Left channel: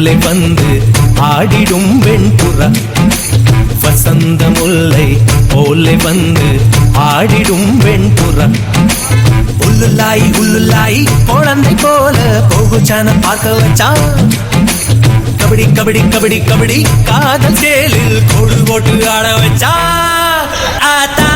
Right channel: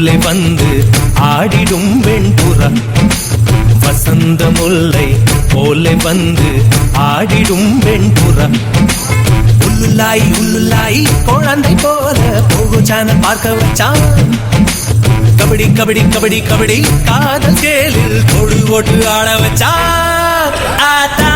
போலே வந்து ஆடிடும் வெண்புறா வசந்த முல்லை போலே வந்து ஆடிடும் வெண்புறா உள்ளுலாய் உள்ளுலாய் குழந்தை போல போகு சேனல் பார்க்க வச்சான் கபடி கபடி கபடி கபடி காதல் சேலில் கொடு போட்டு ஆட வச்சா ஆத்தா